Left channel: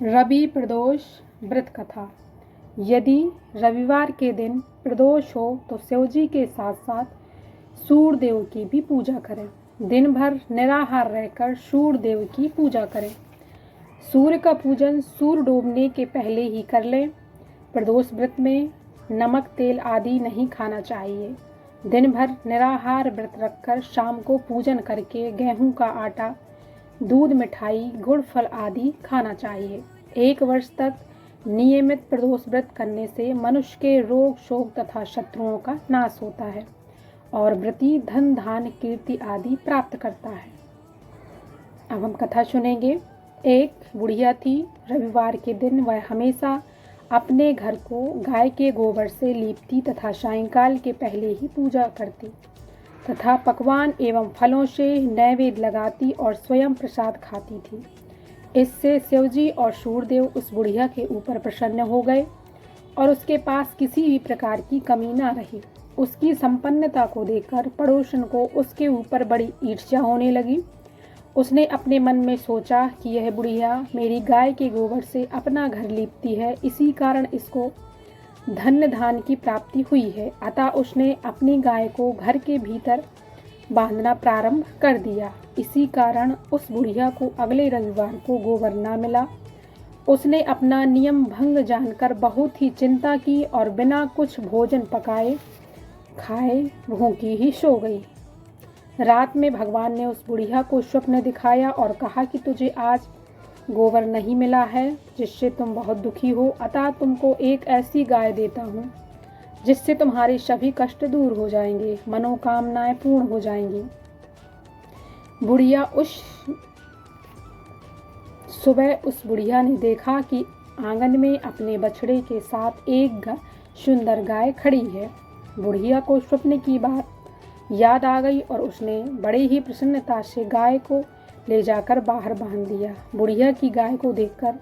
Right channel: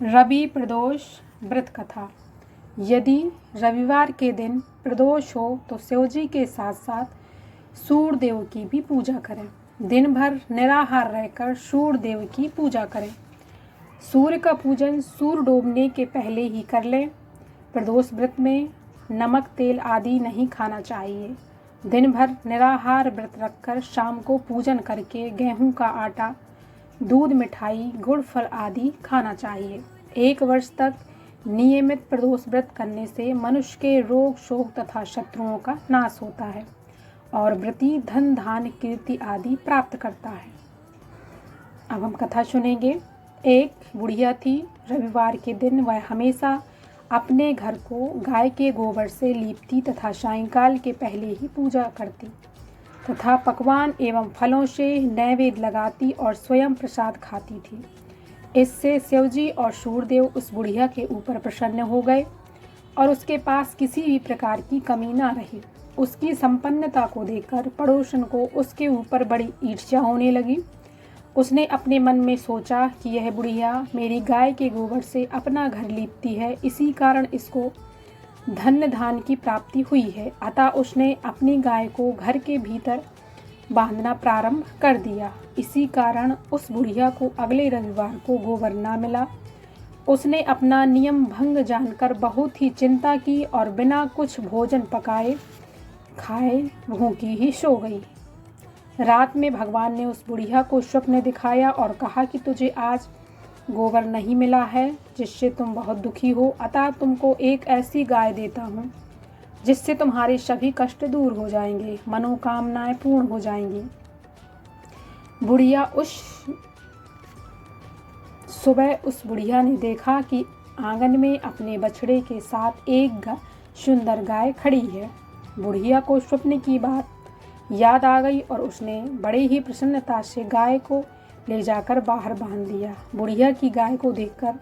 रवि प्रदोष व्रत कथा। यदि रविवार के दिन प्रदोष हो तो शिवजी के साथ साथ सूर्य देव की भी पूजा करें। दिन भर निराहार रहकर सूर्य देव की पूजा करें। सूर्य का पूजन सूर्य डूबने के पहले ही कर लें। प्रदोष व्रत में नमक तेल आदि नहीं खाना चाहिए। दिन भर निराहार व्रत रखकर शाम को पूजन करके गेहूं का आटा, दूध, मिठाई, गुड़, फल आदि खाना चाहिए। 1 वर्ष तक नियमित प्रदोष व्रत करने से मनुष्य के रोग, शोक तथा शत्रुओं का नाश होता है और व्रती धन, धान्य, कीर्ति आदि प्राप्त करता है। अब हम कथा सुनेंगे। एक बुढ़िया थी। रविवार के दिन वह हमेशा अपने घर को गाय के गोबर से लीपती तथा सायंकाल के पहले ही पूजा करती तथा पकवान एवं फलों से नैवेद्य लगाती और स्वयं प्रसाद खाती थी। इससे शिवजी और सूर्यदेव उस बुढ़िया के ऊपर प्रसन्न हो गए और उसके पास किसी भी प्रकार की कमी न रही। उसकी संपन्नता को देखकर पड़ोसन को उसके ऊपर बड़ी ईर्ष्या होने लगी। उसने अपने मन में सोचा कि यह बुढ़िया मेरी गाय के गोबर से अपना घर लीपती है, इसी कारण इसको धन्य धान की प्राप्ति हुई है। अतः उसने अपनी गाय को घर के भीतर बांधना प्रारंभ कर दिया। इसी कारण उस बुढ़िया को अगले रविवार को गोबर न मिला। उसने अपना नियम भंग जानकर बहुत ही चिंता की और बिना कुछ भोजन पकाए खाए भूखी ही सो गई। रात में भगवान ने उस बुढ़िया को स्वप्न दिखाया और कहा कि तुझे आज गोबर नहीं मिला है, जिससे तुम बहुत दुखी हो। अतः तुमको एक ऐसी गाय देता हूँ जिससे तुम्हारे सभी कष्ट दूर हो जाएंगे, मनोकामनाएं पूर्ण हो जाएंगी। सुबह उस बुढ़िया ने देखा कि आंगन में अपने बछड़े के साथ एक सुंदर गाय खड़ी है। बुढ़िया को स्वप्न की बात याद आ गई और उसने बड़े ही प्रसन्नता से गाय को ले जाकर बाहर बांध दिया। बुढ़िया की गाय को देखकर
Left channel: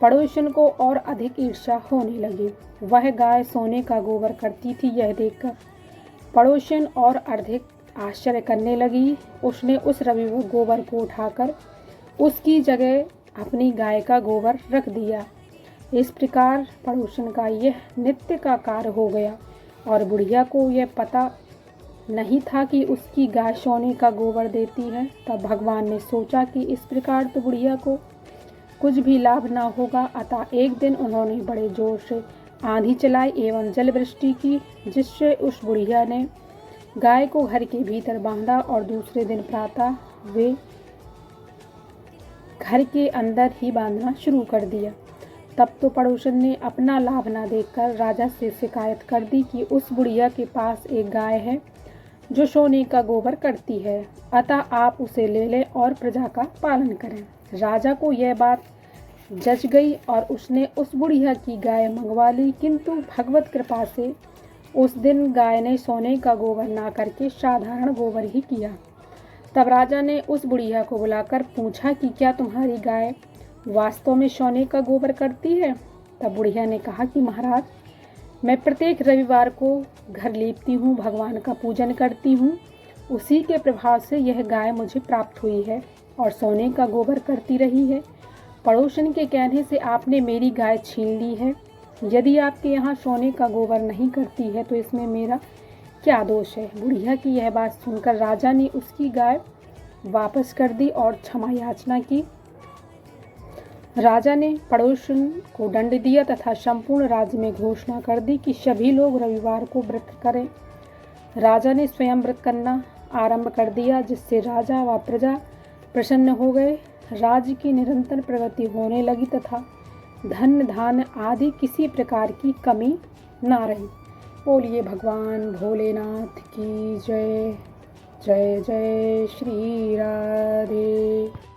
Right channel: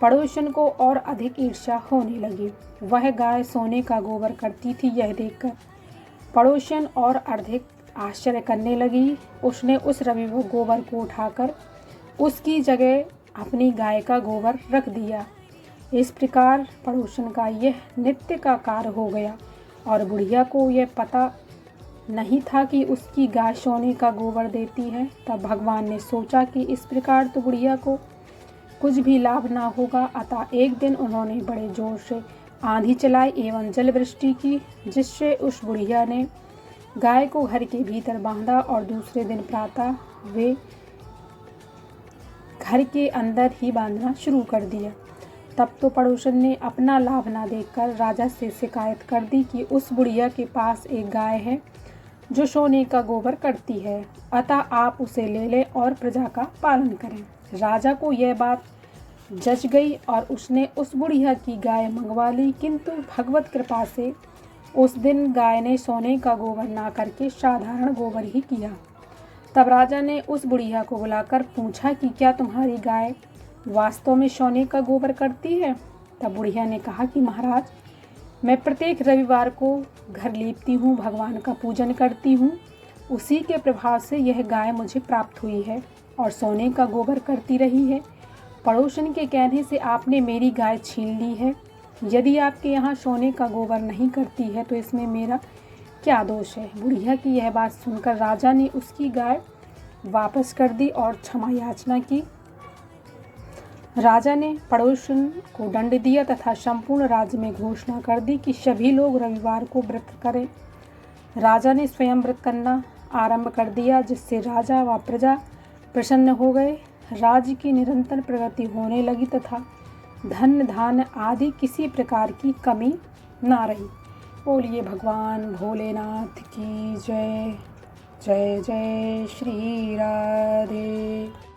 पड़ोसन को और अधिक ईर्ष्या होने लगी। वह गाय सोने का गोबर करती थी। यह देखकर पड़ोसन और अधिक आश्चर्य करने लगी। उसने उस रविवार गोबर को उठाकर उसकी जगह अपनी गाय का गोबर रख दिया। इस प्रकार पड़ोसन का यह नित्य का कार्य हो गया और बुढ़िया को यह पता नहीं था कि उसकी गाय सोने का गोबर देती है। तब भगवान ने सोचा कि इस प्रकार तो बुढ़िया को कुछ भी लाभ ना होगा। अतः एक दिन उन्होंने बड़े जोर से आंधी चलाई एवं जल वृष्टि की, जिससे उस बुढ़िया ने गाय को घर के भीतर बांधा और दूसरे दिन प्रातः वे घर के अंदर ही बांधना शुरू कर दिया। तब तो पड़ोसन ने अपना लाभ ना देखकर राजा से शिकायत कर दी कि उस बुढ़िया के पास एक गाय है जो सोने का गोबर करती है, अतः आप उसे ले लें और प्रजा का पालन करें। राजा को यह बात जच गई और उसने उस बुढ़िया की गाय मंगवा ली, किंतु भगवत कृपा से उस दिन गाय ने सोने का गोबर ना करके साधारण गोबर ही किया। तब राजा ने उस बुढ़िया को बुलाकर पूछा कि क्या तुम्हारी गाय वास्तव में सोने का गोबर करती है? तब बुढ़िया ने कहा कि महाराज, मैं प्रत्येक रविवार को घर लीपती हूँ, भगवान का पूजन करती हूँ, उसी के प्रभाव से यह गाय मुझे प्राप्त हुई है और सोने का गोबर करती रही है। पड़ोसन के कहने से आपने मेरी गाय छीन ली है। यदि आपके यहाँ सोने का गोबर नहीं करती है तो इसमें मेरा क्या दोष है? बुढ़िया की यह बात सुनकर राजा ने उसकी गाय वापस कर दी और क्षमा याचना की। राजा ने पड़ोसन को दंड दिया तथा संपूर्ण राज्य में घोषणा कर दी कि सभी लोग रविवार को व्रत करें। राजा ने स्वयं व्रत करना आरंभ कर दिया, जिससे राजा व प्रजा प्रसन्न हो गए। राज्य की निरंतर प्रगति होने लगी तथा धन, धान्य आदि किसी प्रकार की कमी ना रही। बोलिए भगवान भोलेनाथ की जय। जय जय श्री राधे।